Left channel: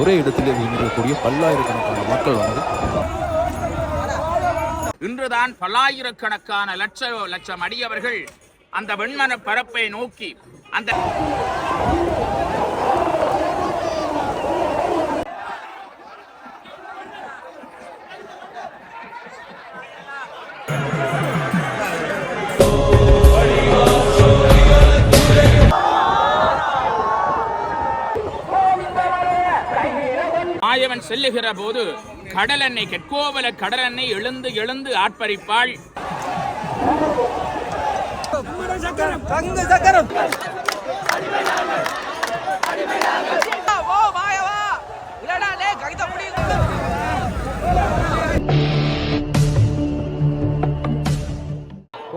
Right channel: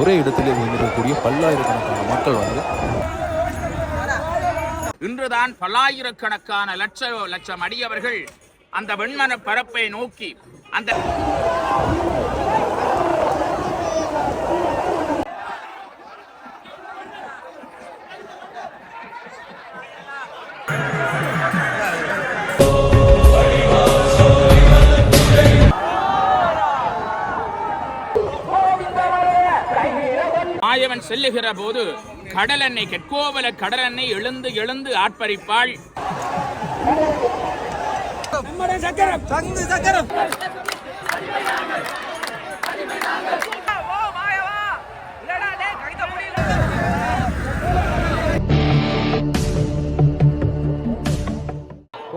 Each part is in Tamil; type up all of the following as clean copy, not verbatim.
ஒரே இடத்திலே இருக்கக்கூடிய பல்லாயிரக்கணக்கான மக்கள் வந்து இன்றுதான் பல்லாயிரக்கணக்கான லட்சம் அடியவர்கள் அந்த வெண்மன பரப்பை நோக்கி அந்த மாயவன் செல்லுகிற போது கடலெண்ணெய் கெட்கோவல கடலெண்ணெய் எழுந்து எழுந்து ஆட்பரிப்பாள்.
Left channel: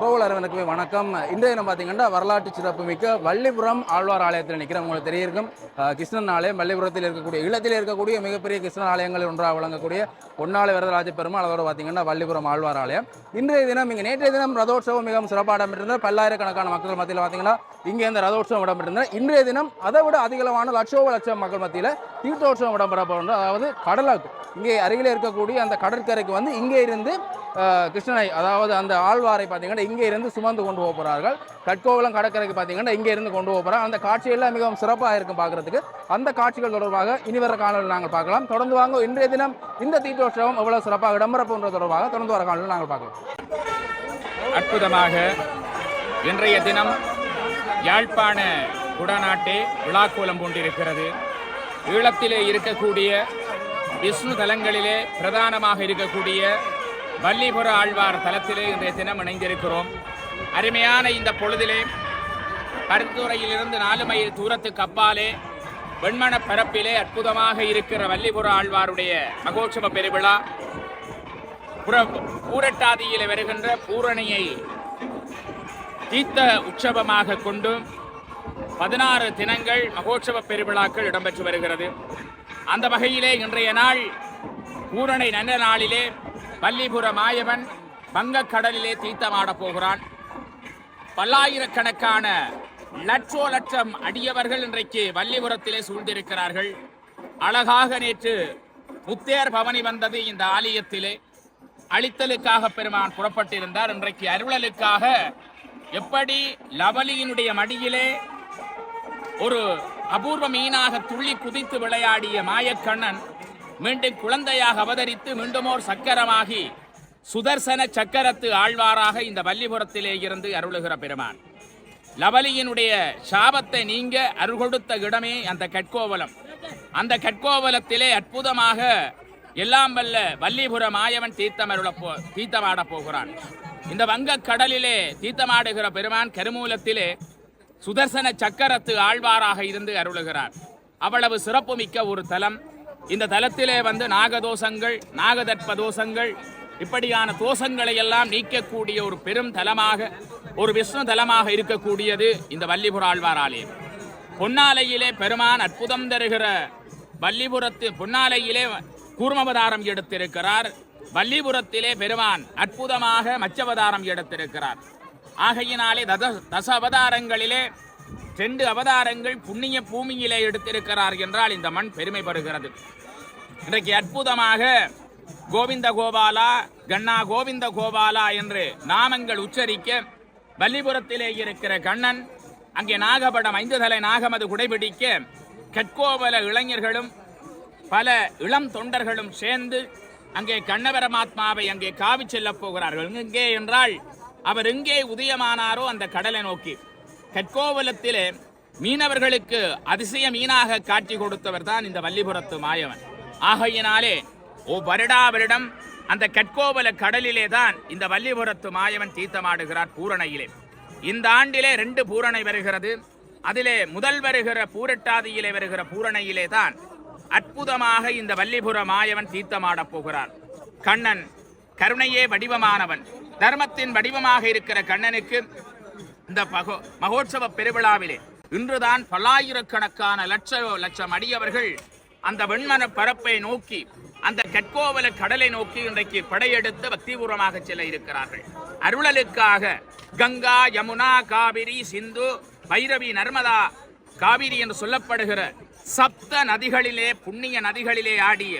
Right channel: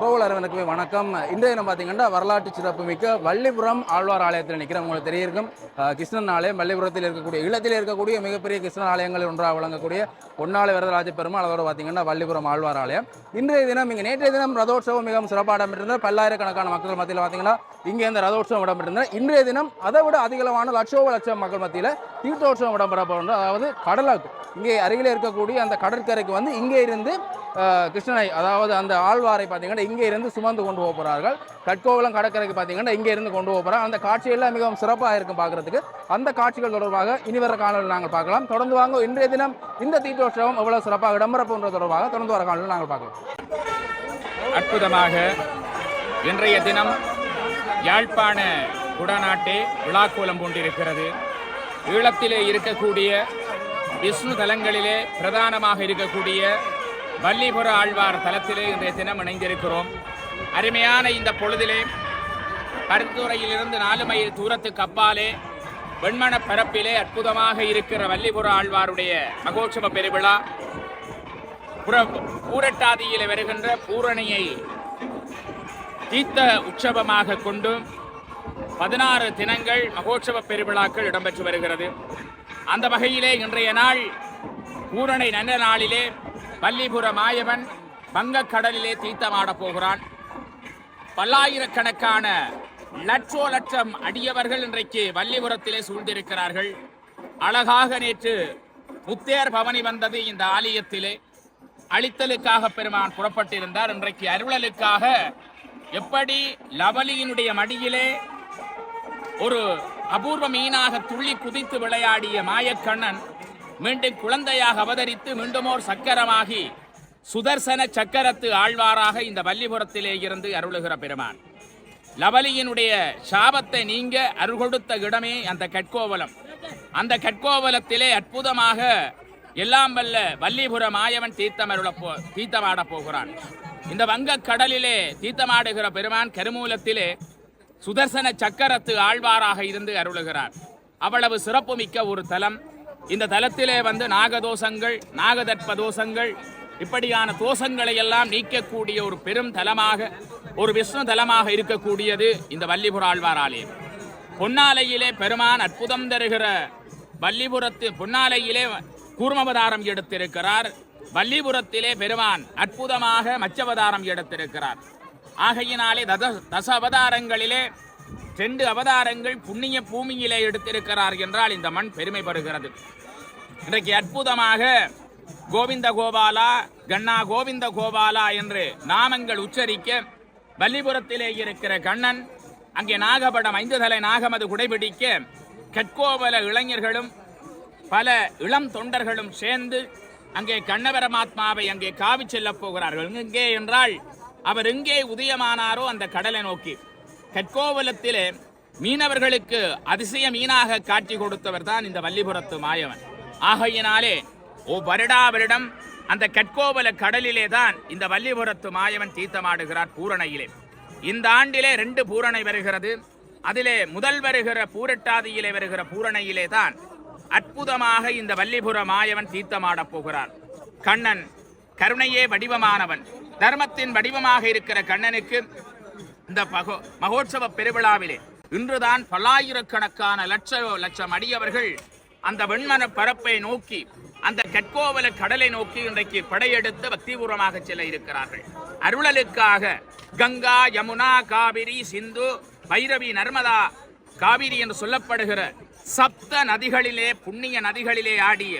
உறவுகளுக்கு வணக்கம். இன்றைய நம்ம பார்த்தீங்கன்னா வரலாற்று சிறப்புமிக்க வள்ளிபுரம் ஆழ்வார் ஆலயத்தில் நிற்கிறோம். உங்களுக்கு தெரியிருக்கும் கிருஷ்ணன் ஆலயம் வள்ளிபுரத்தில் இருக்கக்கூடிய இல்லத்தில் இருக்கக்கூடிய மிகப்பெரிய கிருஷ்ணன் ஆலயங்கள் ஒன்றாக விளங்கக்கூடிய பொன்னாலை வரதராஜ பெருமாள், அதோடு பார்த்தீங்கன்னா வள்ளிபுரம் ஆழ்வார் ஆலயம். இன்றைய தினம் இங்கே நேற்றைய தினம் ரதோற்சவம் மிகவும் சிறப்பாக இடம்பெற்றிருந்தார். பல்லாயிரக்கணக்கான மக்கள் மத்தியில் பார்த்தீங்கன்னா இங்கே இந்த ரதோற்சவம் இடம்பெற்றிருந்தார். இன்றைய தினம் அதை விட அதிகமான லட்சம் மக்கள் மத்தியில் தீர்த்தோற்சவம் இடம்பெற போகின்றது. அதாவது கடலுக்கு இங்கே அருகில் இருக்கக்கூடிய அந்த கடற்கரைக்கு வந்து இங்கே இருந்து கிருஷ்ணனை, அதாவது அந்த ஆழ்வாரை பார்த்தீங்கன்னா இங்கே இருந்து சுமந்து கொண்டு போக போகிறார்கள். கட்கோவலம் கடற்கரைக்கு பார்த்தீங்கன்னா இங்கே இருந்து கொண்டு போக போகிறாங்க. அந்த காட்சியெல்லாம் மிகவும் சிறப்பாக இருக்கும் பார்க்கறதுக்கு. அந்த காட்சிகள் தொடர்பாக இனிவர காணொலியில் நாங்கள் பார்க்கலாம். தொடர்ந்து வாங்க. இன்றைய தினம் இந்த தீர்த்தோற்சவம் எவ்வளவு சிறப்பாக இடம்பெற போன்றது தொடர்பாக தொடர்ந்து வர காணொலியில் நாங்கள் பார்க்கலாம். அற்புதமாக இன்றைய தினம் யாழ்ப்பாண குடநாட்டே விழாக்கோலம் கொண்டிருக்கிறது. ஈழத்திலே இருக்கக்கூடிய விஷ்ணு தலங்களிலே பிரதானமாக இருக்கக்கூடிய வள்ளிபுர ஆழ்வார் தலத்திலே இன்றைய தினம் இணைந்திருக்கிறோம். அருமையான இந்த பொழுதிலே பருத்துறையிலிருந்து 4 மைல் தூரத்துக்கு அப்பாலே வெண்மண பரப்பிலே அற்புதமாக இருக்கிற வள்ளிபுர ஆழ்வாருடைய மகோற்சவ பெருவிழா பூரட்டாதியிலே வருகின்ற பூரணியை தீர்த்த உற்சவமாக கொண்டு 16 தினங்கள் மகோற்சவ பெருவிழாக்கள் இடம்பெற்று வருகிறது. அந்த வகையிலே இன்றைய நாள் பூரணை நல்ல நாளிலே வள்ளிபுர மாயவன் வங்கக்கடலிலே தீர்த்தமாடப் போகிறான். பல்லாயிரக்கணக்கான லட்சம் அடியவர்கள் இன்றைக்கு வள்ளிபுரத்திலே சூழ்ந்திருக்கிறார்கள். அழகாக நேற்று முத்தேர் பவனி வந்தது இந்த ஆலயத்திலே. அழித்தலுக்காக பெருமான் புறப்பட்டிருந்தார். இன்றைக்கு அருளலுக்காக எப்படி லவலியினுடைய மடியிலே ஒரு அபூர்வ மீனாக துள்ளி குதித்து விளையாடிய மாயக்கண்ணன் மீண்டும் குழந்தையாக அவதரித்து மீண்டுமோர் சக்கரமாகி சுதர்சன சக்கரத்து ஆழ்வாராக இந்த வள்ளிபுரத்திலே இருந்து அருளுகிற பெருமான். லவலியினுடைய சாபத்தை நீங்க அருள் கொடுத்த இடமே அந்த கட்கோவலம். அந்த கட்கோவலத்திலே அற்புதமாக எல்லாம் வல்ல வள்ளிபுர மாயவன் தீர்த்தமாட போகிறான். இந்த வங்க கடலிலே தீர்த்தமாடுகிற பெருமான் கருமூலத்திலே சுதர்சன சக்கரத்து ஆழ்வாராக இருந்து அருளுகிறார். அவ்வளவு சிறப்புமிக்க ஒரு தலம். இந்த தலத்திலே வந்து நாகதோஷங்கள், நாகதர்ப்ப தோஷங்கள், இப்படியான தோஷங்களை எல்லாம் நீக்கக்கூடிய ஒரு பெரும் தலமாக, ஒரு விஷ்ணு தலமாக இருக்கக்கூடியது இந்த வள்ளிபுர ஆழ்வார் ஆலயம். பொன்னாலையிலே பெருமான் அற்புதம் தருகிற வள்ளிபுரத்து பொன்னாலையிலே கூர்மவதாரம் எடுத்திருக்கிறார். வள்ளிபுரத்திலே பெருமான் அற்புதமாக மச்சவதாரம் எடுத்திருக்கிறார். ஆகையினாலே தச அவதாரங்களிலே 2 அவதாரங்கள் புண்ணிய பூமியிலே எடுத்திருக்கிறார் என்றால் இந்த மண் பெருமை பெறுகிறது. இன்றைக்கு அற்புதமாக கோவிந்த கோபாலா, கண்ணா கோவிந்த கோபாலா என்று நாமங்கள் உச்சரிக்க வள்ளிபுரத்திலே இருக்கிற கண்ணன் அங்கே நாகபடம் 5 தலை நாகமது குடைபிடிக்க கட்கோவல இளைஞர்களும் பல இளம் தொண்டர்களும் சேர்ந்து அங்கே கண்ணபரமாத்மாவை அங்கே காவி செல்ல போகிறார்கள். எங்கே என்றால் அவர் எங்கே உதயமானாரோ அந்த கடலை நோக்கி. கட்கோவலத்திலே மீனவர்களுக்கு அதிசய மீனாக காட்சி கொடுத்தவர் தான் இந்த வள்ளிபுரத்து மாயவன். ஆகையினாலே வருடம் அந்த கட்கோவல கடலிலே தான் இந்த வள்ளிபுரத்து மாயவன் தீர்த்தமாடுகிறார் பூரணையிலே. இந்த ஆண்டிலே 2 பூரணை வருகிறது. அதிலே முதல் வருகிற பூரட்டாதியிலே வருகிற பூரணையிலே தான் அற்புதமாக இந்த வள்ளிபுர மாயவன் தீர்த்தமாடப் போகிறார். கண்ணன் கருணையே வடிவமானவன், தர்மத்தின் வடிவமாக இருக்கிற கண்ணனுக்கு இந்த மகோற்சவ பெருவிழாவிலே இன்றுதான் பல்லாயிரக்கணக்கான லட்சம் அடியவர்கள் அந்த வெண்மன பரப்பை நோக்கி, அந்த கட்கோவல கடலை நோக்கி இன்றைக்கு படையெடுத்து பக்திபூர்வமாக செல்ல இருக்கிறார்கள். அருளலுக்காக கங்கா, யமுனா, காவிரி, சிந்து, பைரவி, நர்மதா, காவிரி என்று சொல்லப்படுகிற சப்த நதிகளிலே புண்ணிய நதிகளிலே ஆடிய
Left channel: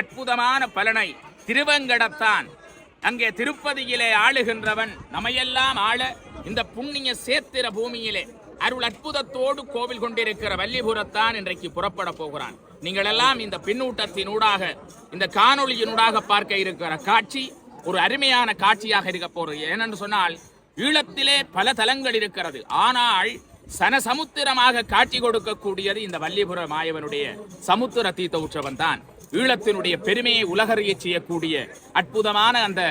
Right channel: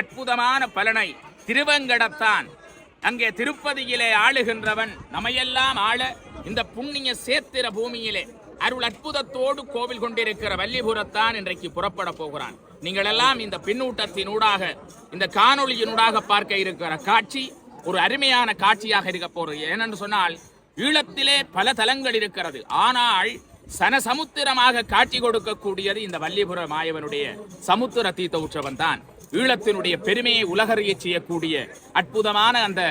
அற்புதமான பலனை திருவங்கடத்தான் அங்கே திருப்பதியிலே ஆளுகின்றவன் நமையெல்லாம் ஆள இந்த புண்ணிய சேத்திர பூமியிலே அருள் அற்புதத்தோடு கோவில் கொண்டிருக்கிற வல்லிபுரத்தான் இன்றைக்கு புறப்பட போகிறான். நீங்கள் எல்லாம் இந்த பின்னூட்டத்தினூடாக இந்த காணொளியினூடாக பார்க்க இருக்கிற காட்சி ஒரு அருமையான காட்சியாக இருக்க போறது. ஏனென்று சொன்னால் ஈழத்திலே பல தலங்கள் இருக்கிறது, ஆனால் சனசமுத்திரமாக காட்சி கொடுக்கக்கூடியது இந்த வல்லிபுர மாயவனுடைய சமுத்திர தீர்த்த உற்சவம் தான். ஈழத்தினுடைய பெருமையை உலகறிய செய்யக்கூடிய அற்புதமான அந்த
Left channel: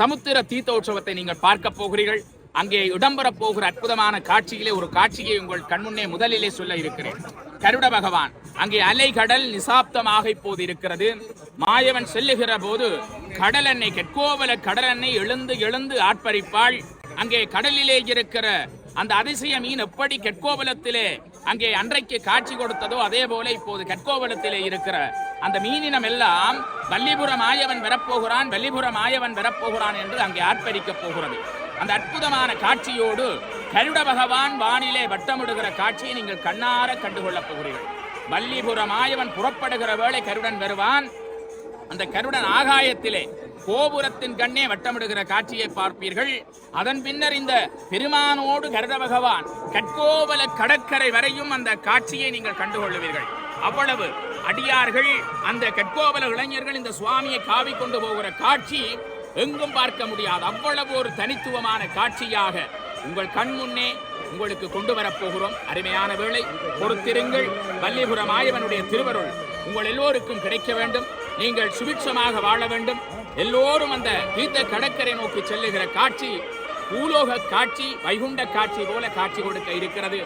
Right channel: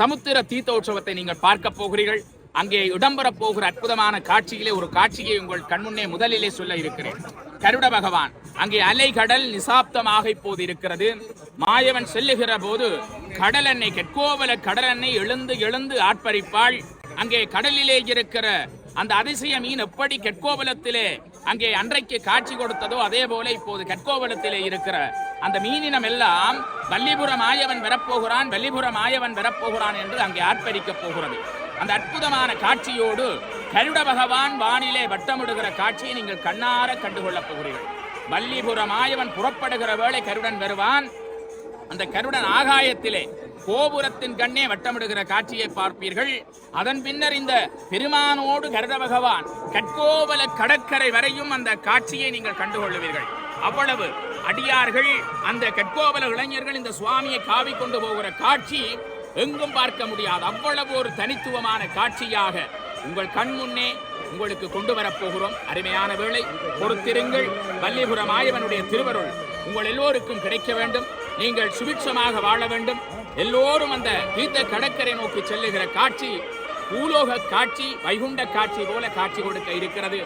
சமுத்திர தீர்த்த உற்சவத்தை நீங்கள் பார்க்க போகிறீர்கள். அங்கே இடம்பெறப் போகிற அற்புதமான காட்சியிலே ஒரு காட்சியை உங்கள் கண்முன்னே முதலிலே சொல்ல இருக்கிறேன். கருட பகவான் அங்கே அலை கடல் நிசாப்தமாக இப்போது இருக்கிறது. மாயவன் செல்லுகிற போது கடலெண்ணெய் கெட்கோவல கடலெண்ணெய் எழுந்து எழுந்து ஆட்பரிப்பாள். அங்கே கடலிலே இருக்கிற அந்த அதிசய மீன் எப்படி கெட்கோவலத்திலே அங்கே அன்றைக்கு காட்சி கொடுத்ததோ அதே போல இப்போது கெட்கோவலத்திலே இருக்கிற அந்த மீனினம் எல்லாம் வல்லிபுர மாயவன் வரப்போகிறான், வல்லிபுர மாயவன் வரப்போகிறான் என்று அங்கே ஆர்ப்பரிக்கப் போகிறது. அந்த அற்புதமான காட்சியோடு கருட பகவான் வானிலே வட்டமிடுகிற காட்சியை நீங்கள் கண்ணார கண்டுகொள்ளப் போகிறீர்கள். வல்லிபுர மாயவன் புறப்படுகிற வேளை கருடன் வருவான். அந்த கருடன் ஆகாயத்திலே கோபுரத்தின் கண்ணே வட்டமிடுகிற காட்சியை பார்ப்பீர்கள். அதன் பின்னர் இந்த பெருமானோடு கருட பகவான் கட்கோவல கடற்கரை வரையும் அந்த காட்சியை நீங்கள் கண்டுகொள்ளுவீர்கள். அவ்வளவு அடியார்கள் அந்த கட்கோவல இளைஞர்கள் இந்த சுவாமியை காவி கொண்டு போகிற காட்சி எங்கும் பார்க்க முடியாது. அவ்வளவு ஒரு தனித்துவமான காட்சியாக உங்கள் கண் முன்னே உங்களுக்கு கொண்டு வரப்போகிறோம். அருமையான வேளை பொறுத்திருங்கள். வல்லிபுர மாயவனுடைய திருவருள் உங்கள் எல்லோருக்கும் கிடைக்க வேண்டும். நீங்கள் சுபிட்சமாக வாழ வேண்டும். எல்லோரும் அந்த தீர்த்த கடற்கரை நோக்கி செல்லுகிற காட்சி பூலோக காட்சி, வைகுண்ட காட்சி போல காட்சி கொடுக்க இருக்கிறது.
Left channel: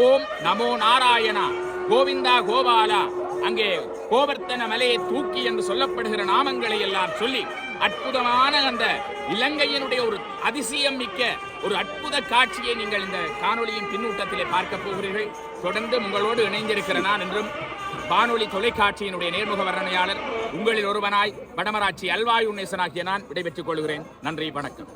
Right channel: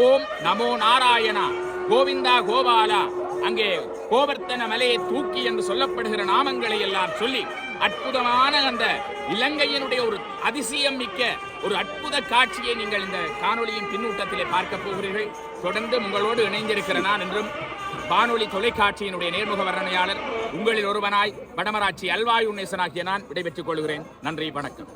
ஓம் நமோ நாராயணா, கோவிந்தா கோபாலா, அங்கே கோவர்த்தன மலையை தூக்கி என்று சொல்லப்படுகிற நாமங்களை எல்லாம் சொல்லி அற்புதமான அந்த இலங்கையினுடைய ஒரு அதிசயம் மிக்க ஒரு அற்புத காட்சியை நீங்கள் இந்த காணொளியின் பின்னூட்டத்திலே பார்க்க போகிறீர்கள். தொடர்ந்து உங்களோடு இணைந்திருக்கிற நான் என்றும் வானொலி தொலைக்காட்சியினுடைய நேர்முக வர்ணனையாளர் உங்களில் ஒருவனாய் வடமராட்சி அல்வாய் உன்னேசனாகிய நான் விடைபெற்றுக் கொள்கிறேன். நன்றி, வணக்கம்.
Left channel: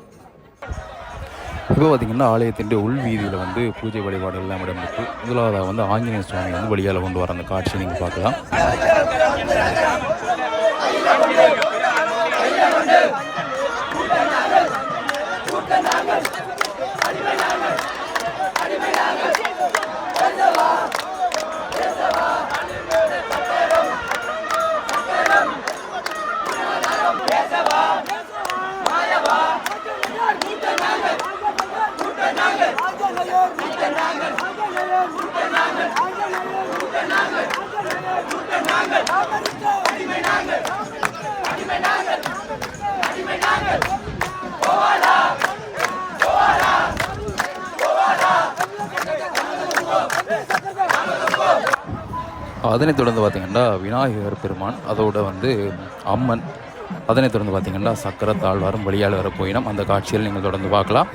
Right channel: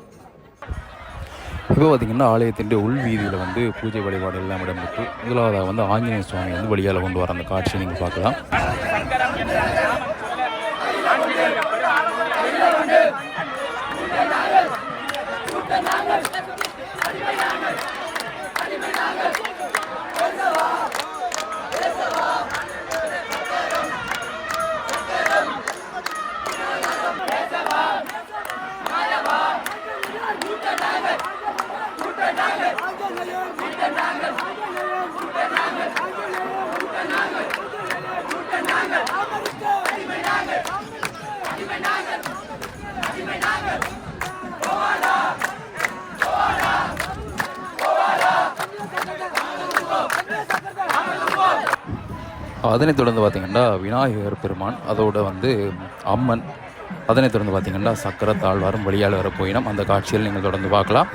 இப்போ பார்த்திங்கன்னா ஆலயத்தின் உள் வீதியில் வந்து பூஜை வழிபாடு எல்லாம் இடம்பெற்று முதலாவதாக வந்து ஆஞ்சநேய சுவாமி வந்து வழியால் கொண்டு வர அந்த காட்சியை நீங்கள் பார்க்கலாம். அதனைத் தொடர்ந்து பார்த்திங்கன்னா விநாயகர் பெருமான், அதோட வந்து அம்மன், அதனைத் தொடர்ந்து பார்த்திங்கன்னா சக்கர தாழ்வாரும் வழியால் வர போயினோம். அந்த காட்சியில் நீங்கள் தொடர்ந்து பார்க்கலாம்.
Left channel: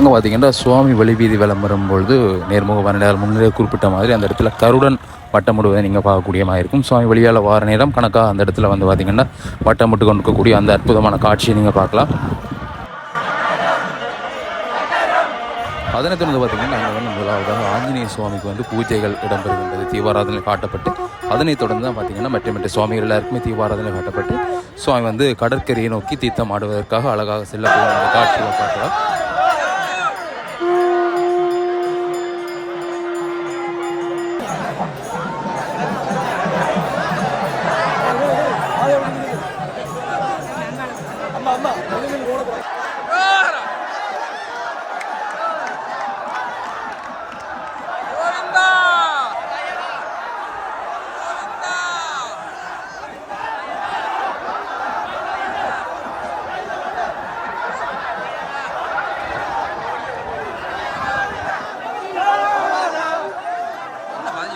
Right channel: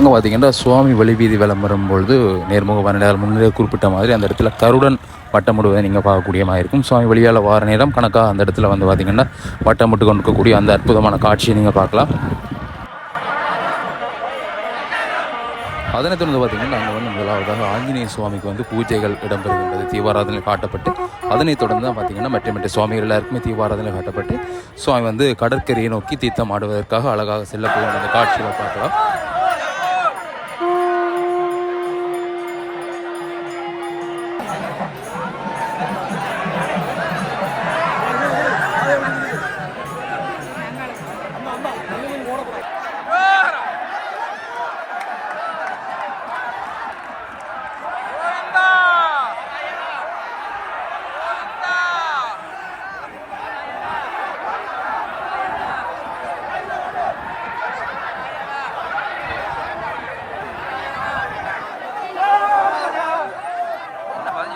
அங்கே பார்த்திங்கன்னா சுவாமி வழிவீதி விளம்பரம் பொழுது நேர்முக வர்ணனையாளர் முன்னரே குறிப்பிட்ட மாதிரி அந்த இடத்துல கருடன் வட்டமிடுவதை நீங்கள் பார்க்கக்கூடிய மாதிரி இருக்கும். சுவாமி வழியால் வார நேரம் கணக்காக அந்த இடத்துல வந்து பார்த்திங்கன்னா வட்டமிட்டு கொண்டிருக்கக்கூடிய அந்த அற்புதமான காட்சியை நீங்கள் பார்க்கலாம். அதனைத் தொடர்ந்து பார்த்திங்கன்னா அங்கே வந்து முதலாவதாக ஆஞ்சநேய சுவாமிக்கு வந்து பூஜைகள் இடம்பெறுகின்றது. தீபாராதனை காட்டப்பட்டு அதனைத் தொடர்ந்து தான் பார்த்திங்கன்னா மற்ற சுவாமிகள் எல்லாருக்குமே தீபாராதனை காட்டப்பட்டு சுவாமி வந்து கடற்கரையை நோக்கி தீர்த்தம் ஆடுவதற்காக அழகாக செல்ல போகும் அந்த காட்சிகளை பார்க்கலாம்.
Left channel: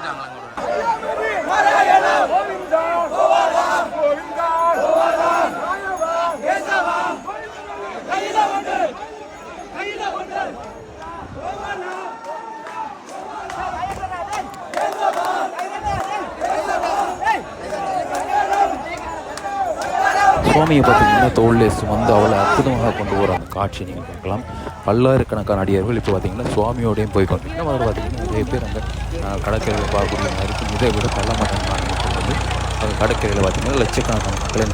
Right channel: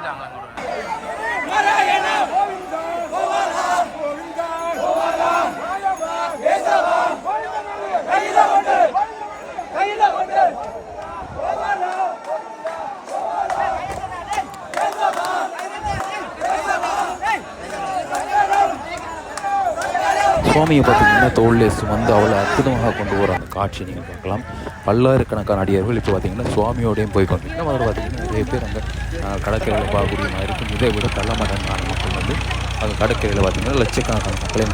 வந்துட்டாங்களா கூட? சுவாமியை பார்த்தீங்கன்னா தோளிலே சுமந்து அவ்வளோ அற்புதமாக கொண்டு போகிற அந்த காட்சியை நீங்கள் பார்க்கலாம். பல்லாயிரக்கணக்கான அடியார்கள் இப்போ பார்த்தீங்கன்னா சுவாமியோடையும் போய் கொண்டிருக்கோம். அதில் பார்த்தீங்கன்னா நிறைய பேர் அங்கே கடற்கரையில் பார்க்கக்கூடிய மாதிரி இருக்கும். இதை விட கள்ளமட்டங்கான மக்கள் வந்து அங்கே கடற்கரையில் பார்த்தீங்கன்னா லட்சக்கணக்கான மக்களை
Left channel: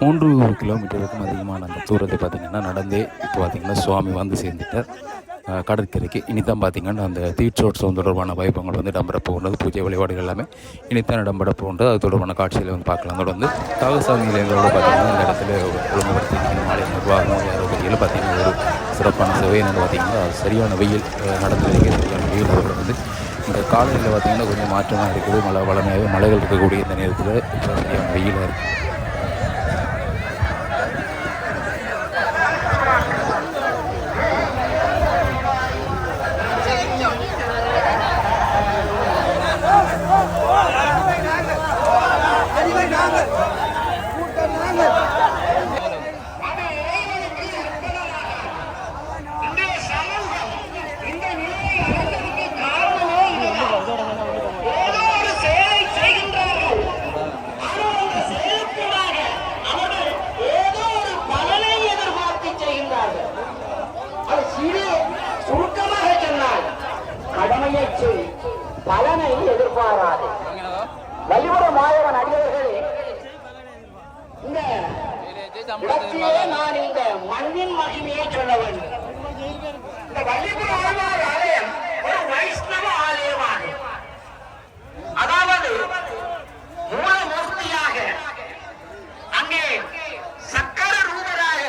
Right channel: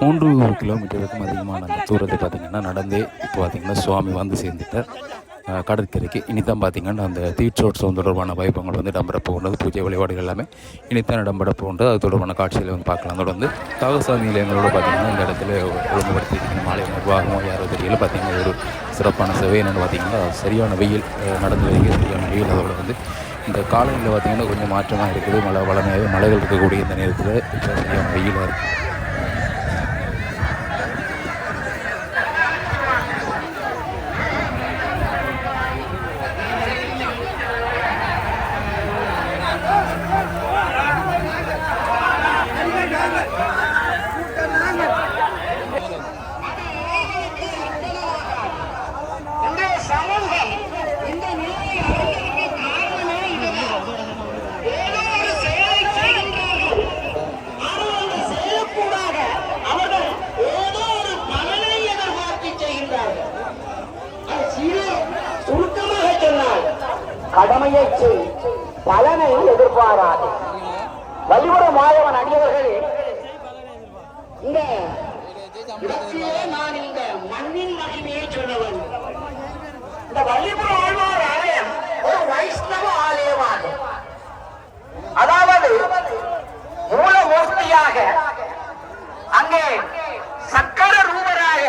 மூன்று கிலோமீட்டருக்கும் அதிகமான அந்த தூரத்தை பார்த்திங்கன்னா நடந்தே இப்போ பார்த்திங்கன்னா சுவாமி வந்து சேர்ந்துட்டார் கடற்கரைக்கு. இனித்தான் பார்த்திங்கன்னா அந்த தீட்சோட்சவம் தொடர்பான வைபவங்கள் வந்து இடம்பெற போகின்றது. பூஜை வழிபாடுகள் எல்லாமே இனித்தான் இடம்பெற போகின்றது. அது தொடர்பான காட்சிகளை வந்து பார்க்கலாம். அதோட வந்து தகசாந்தி நிலையங்களோடு பார்த்திங்கன்னா இந்த இடத்துல ஒழுங்குபடுத்தி இருக்கணும். மாலை நிர்வாகமோ யாரோ தெரியல பார்த்திங்கன்னா அது ஒரு சிறப்பான சேவை. என்னென்னு பார்த்திங்கன்னா சரியான வெயில் நடந்து வருகிறது. சரியான வெயில். அதோட வந்து இந்த காலையில் பார்த்திங்கன்னா கொஞ்சம் மாற்றமாக இருக்குது. வளமையாகவே மலைகள் இருக்கக்கூடிய இந்த நேரத்தில் இப்போ சரியான வெயிலாக இருக்குது. கடமையை செய், பலனை எதிர்பாராது. வள்ளிபுரம் மாயவன் அடியவர்கள் இந்த இடத்திலே நான் இந்த மண்ணின் மகிமையை சொல்ல வேண்டும். இந்த வள்ளிபுரம் ஆழ்வார் ஆலயம் ஒரு வைஷ்ணவ ஆலயமாகும். அதாவது மூலமூர்த்தியாக அங்கே சக்கர ரூபராக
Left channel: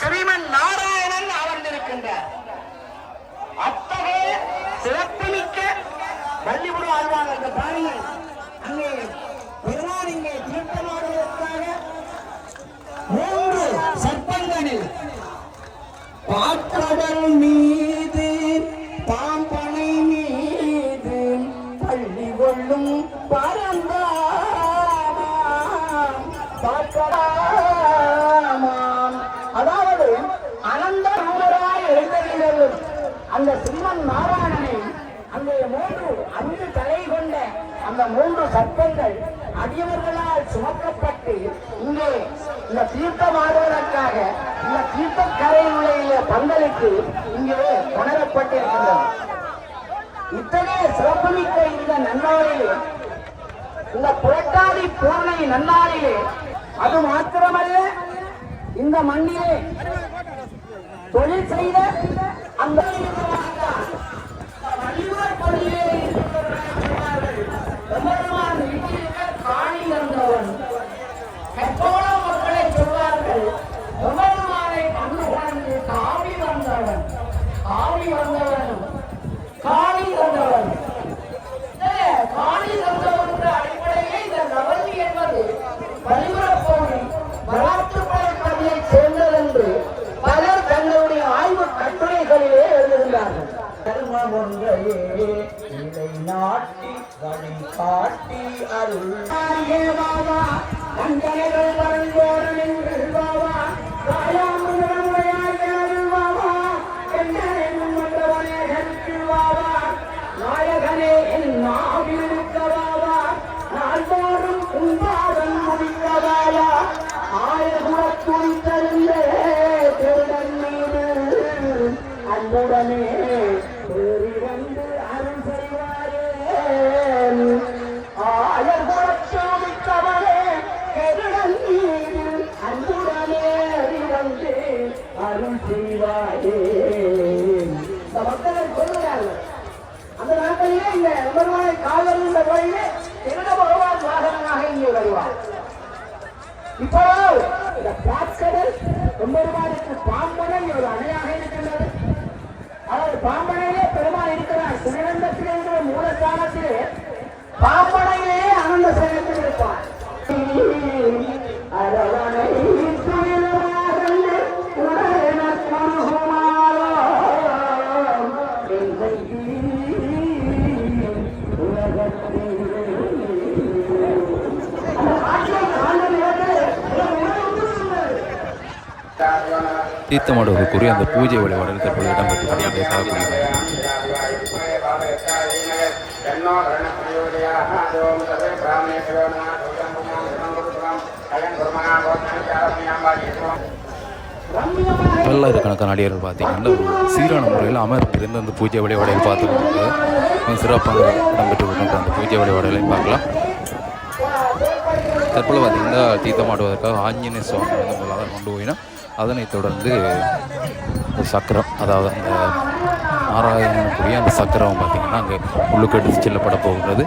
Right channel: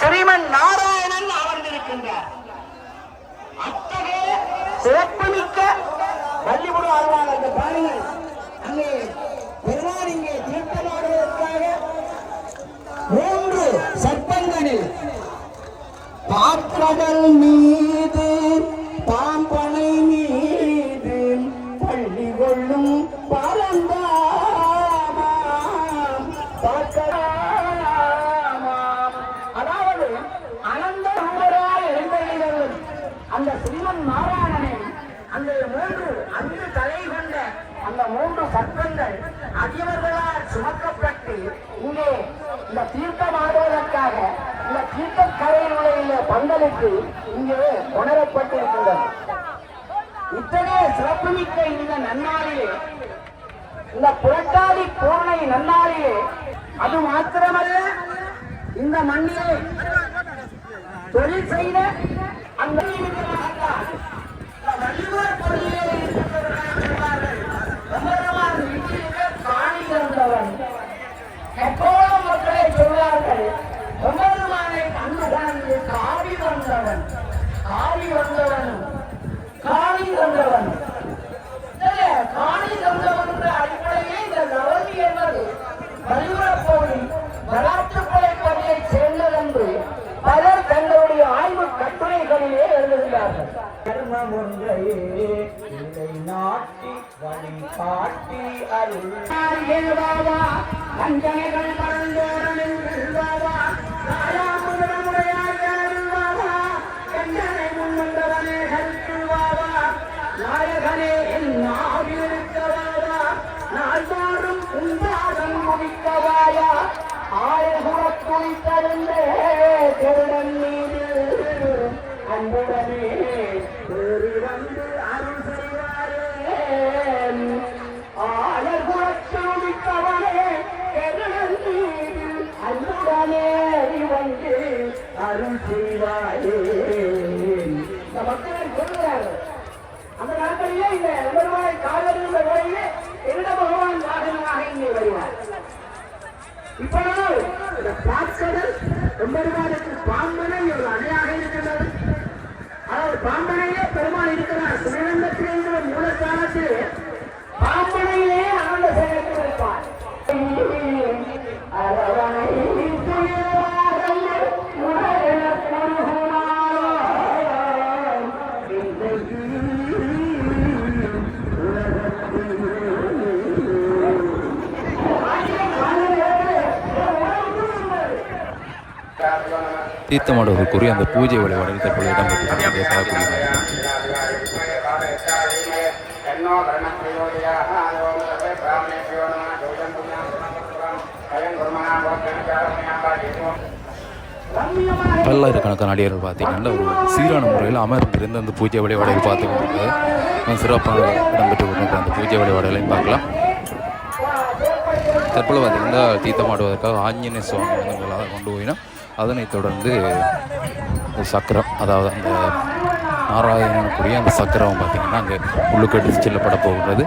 ஸ்ரீமன் நாராயணன் அமர்ந்திருக்கின்றார். அத்தகைய சிறப்புமிக்க வள்ளிபுரம் ஆழ்வார் அங்கே பெருமாள் இங்கே தீர்த்தமாடுவதற்காக 3 சர்ப்பங்களில் பாக்கடல் மீது பாம்பனை மீது பள்ளி கொள்ளும் பரந்தாமாம் பாக்கடாமாம். அதாவது அனந்த ரூபராய் எழுந்தருளும் அந்த ஸ்ரீமன் நாராயணனை அந்த 5 தலை கொண்ட அந்த 3 சர்ப்பங்கள் அடியவர்களால் சுமக்கப்பட்டு இங்கே இந்த தீர்த்தமாடுவதற்காக இந்த தீர்த்தக்கரையுடைய பந்தலுக்கு இங்கே உணரப்பட்டிருக்கின்றன. இத்தகைய சிறப்புமிக்க இந்த நன்னாளிலே, இந்த புரட்டாதி பூர்ணை நன்னாளிலே, அது மாத்திரமல்ல இந்த மண்ணிலே தொழில் செய்த அந்த வள்ளுவர் கொள்கையிலே இருக்கின்றவர்கள் காணி இருந்தவன் எப்போதோ மக்களை சொல்வார்கள் எவ்வளவானை கண்ணு காவி வந்தவன் காவி வந்தவன் காணி தந்தவன். காணி தந்தவன் என்ற அடிப்படையே இந்த நவந்தி என்பது வழிபடப்போய் வளர்த்துப்படை பகுதியை சேர்ந்தது என்று பலர் தங்களுடைய ஆய்வு கட்டுரைகளிலே எழுதுகிறார்கள். கர்மம் ஒன்றையே இதை நாட்டி வழி காட்டி அருள் அஞ்சனைகள் வளர்ந்தோடு நின்று பாவா நாயகனே என் நாவிருக்கவாவா நாள்தோறும் உண்டாதன் முடிக்கவாவா ஆயகுலத்துள் தருந்த திருடன் மீது அன்புடனே ஏறி வந்து அருள் செய்வாரே ஆயகுலத்துளிக்கவரே திருடன் மீது அன்புடனே வந்து அருள் செய்வாரே. இந்த மக்கள் சொல்லுகிறார்கள் அந்த நாட்களிலே இந்த எம்பெருமானை காவலுள்ள வழியிலே எந்த பகவான் வாகனமாக இங்கே வருவார். இப்போ இந்த பாக்கடல் எம்பெருமானுக்கு பாம்பனை ஒரு அணையாக இருக்கின்றது. அதாவது பாம்பனையிலே பெருமான் இருக்கிறார். சிவகண்டத்தில் இருக்கிற மூலஸ்தானத்திலே பாம்பனையிலே அனந்த சேனத்தில் இருப்பார். அரவணை தீர்த்தமாடுவதற்குரிய அந்த பூஜை வழிபாடுகள் தற்போது இடம்பெற்று கொண்டே பார்க்கக்கூடிய பல்லாயிரக்கணக்கான அடியார்கள் பார்த்தீங்கன்னா ஒரு சீரான முறையில் அமர்ந்திருந்து அந்த பூஜை வழிபாடுகள் பார்த்து கொண்டிருக்கிறது சிறப்பாக இடம்பெற்று கொண்டிருக்கிற அந்த பூஜை வழிபாடுகளையும் பார்க்கலாம். தற்போது பார்த்திங்கன்னா தீர்த்தமாடுவதற்காக ஆஞ்சநேய சுவாமி வந்து முதலாக கொண்டு போயினா அதனைத் தொடர்ந்து சக்கரம், அதாவது அந்த நாராயணனுக்குரிய அந்த சக்கரம் பார்த்திங்கன்னா அங்கே உள்ளுக்கு எடுத்து செல்லப்பட போகின்றது.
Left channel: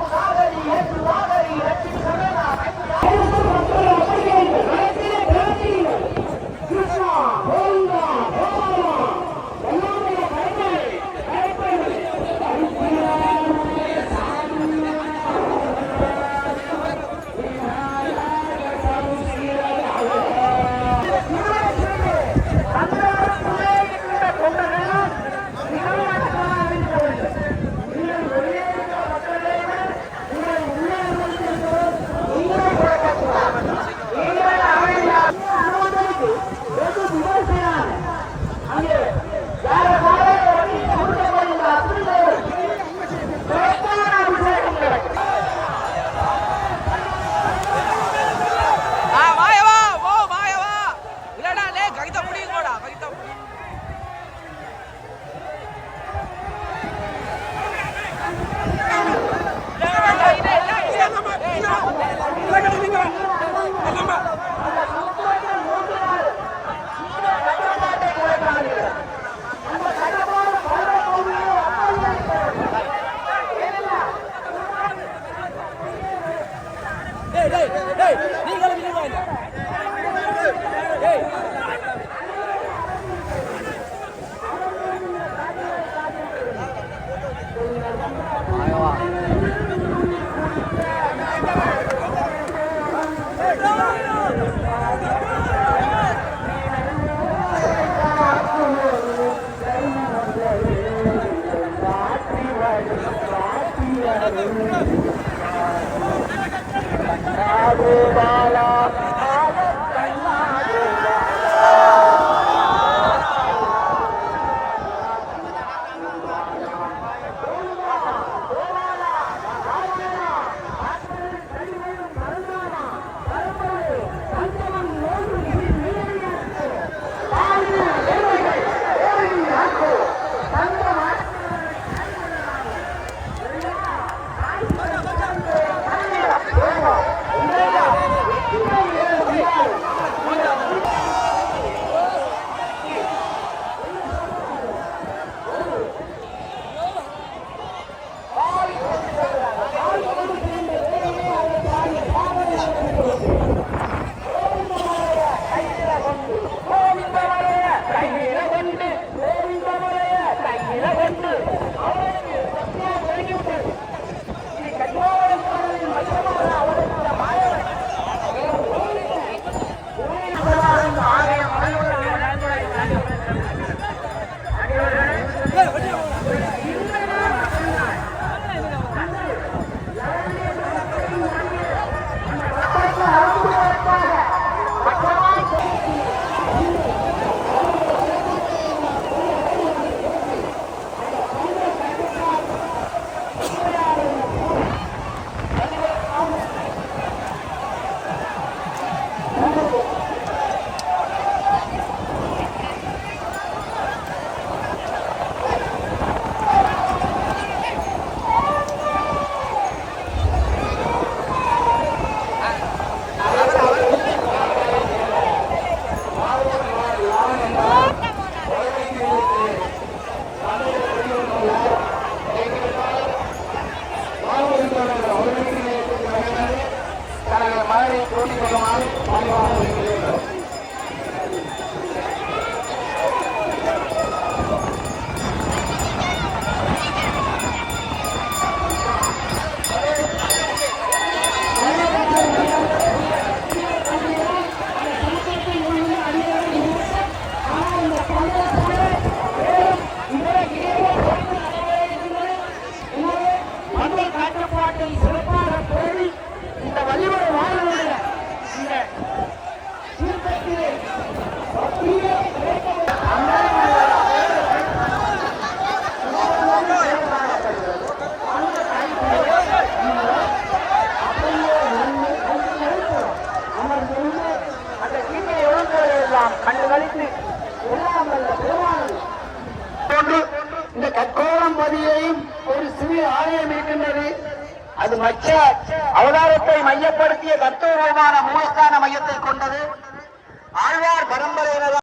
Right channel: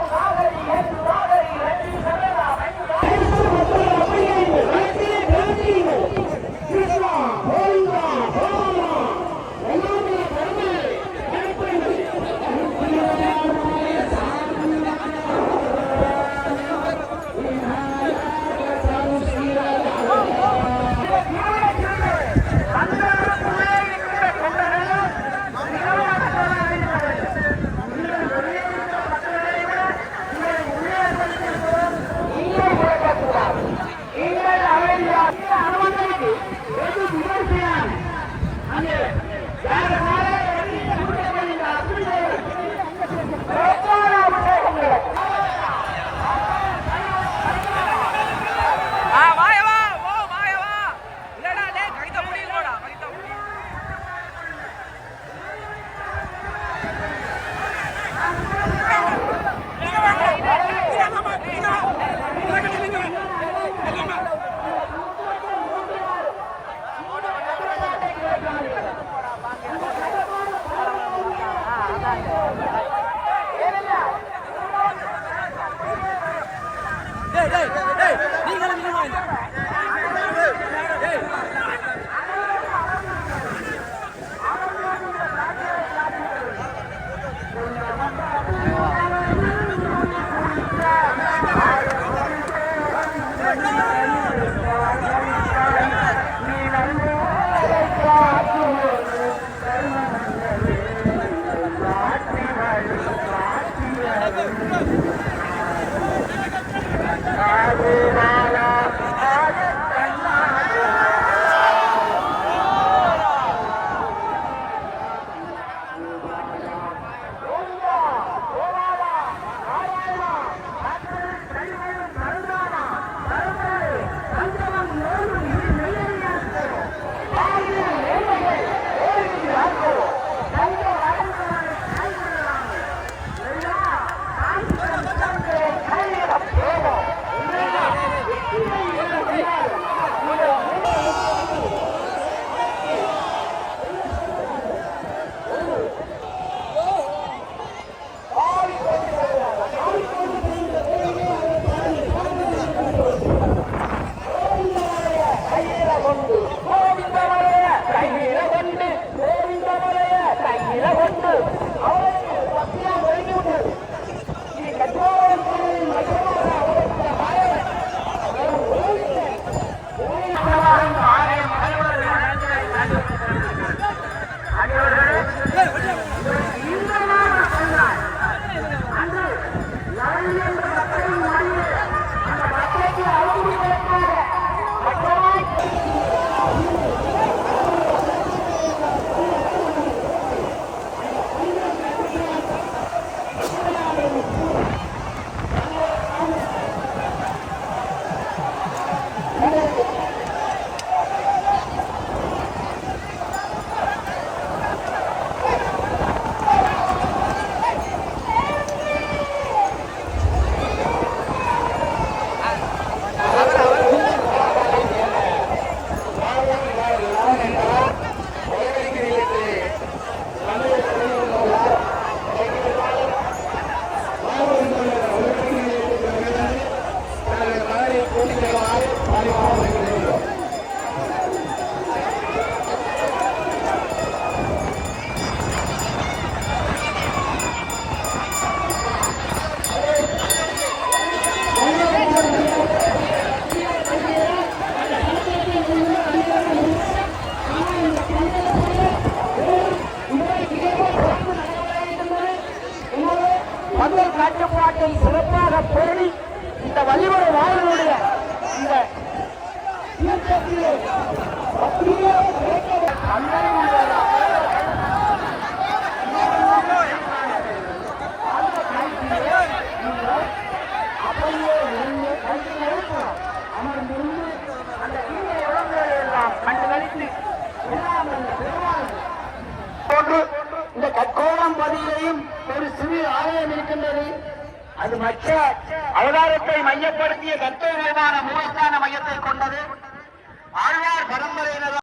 கட்டுப்பாட்டை சிறப்பாக பேணி இந்த வள்ளிவர வாழனுடைய இந்த இந்த கட்டோளம் பதியையும் ஒரு சிறு ஆலயம் இருக்கின்றது. அது மற்ற அவதாரத்தை மையப்படுத்திய தத்துவமான மூலஸ்தான மையத்தை கொண்டது. ஆழ்வார் பரம்பரையினர்